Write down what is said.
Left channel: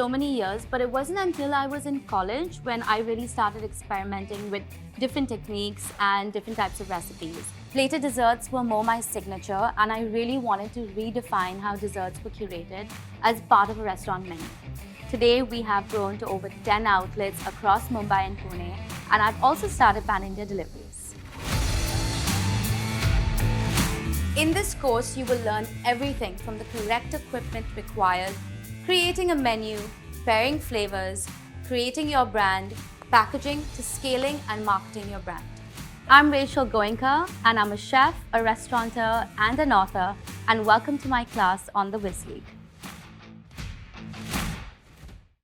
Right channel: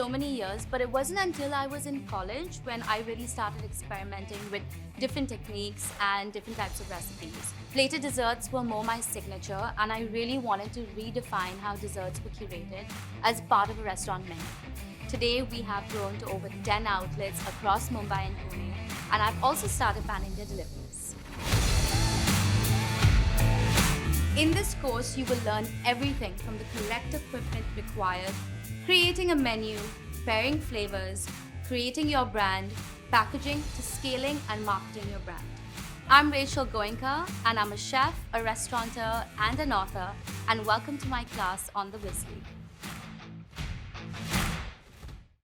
so many years, but it wasn't until I was in college when I really started experimenting with different techniques and different types of recipes. Plated desserts were more my signature, and I really wanted to redefine how desserts were curated as part of a restaurant menu. Today, we have grown to over 10 outlets across Mumbai and Pune, and I've also started pan-India deliveries. In this course, you will learn everything from the correct equipment required, creating a menu, pairing flavors, creating your brand, packaging to scaling and marketing your brand. I'm Rachel Goenka, and I'm a chef, a restaurateur, and an author, and welcome to my class on the Whiz League.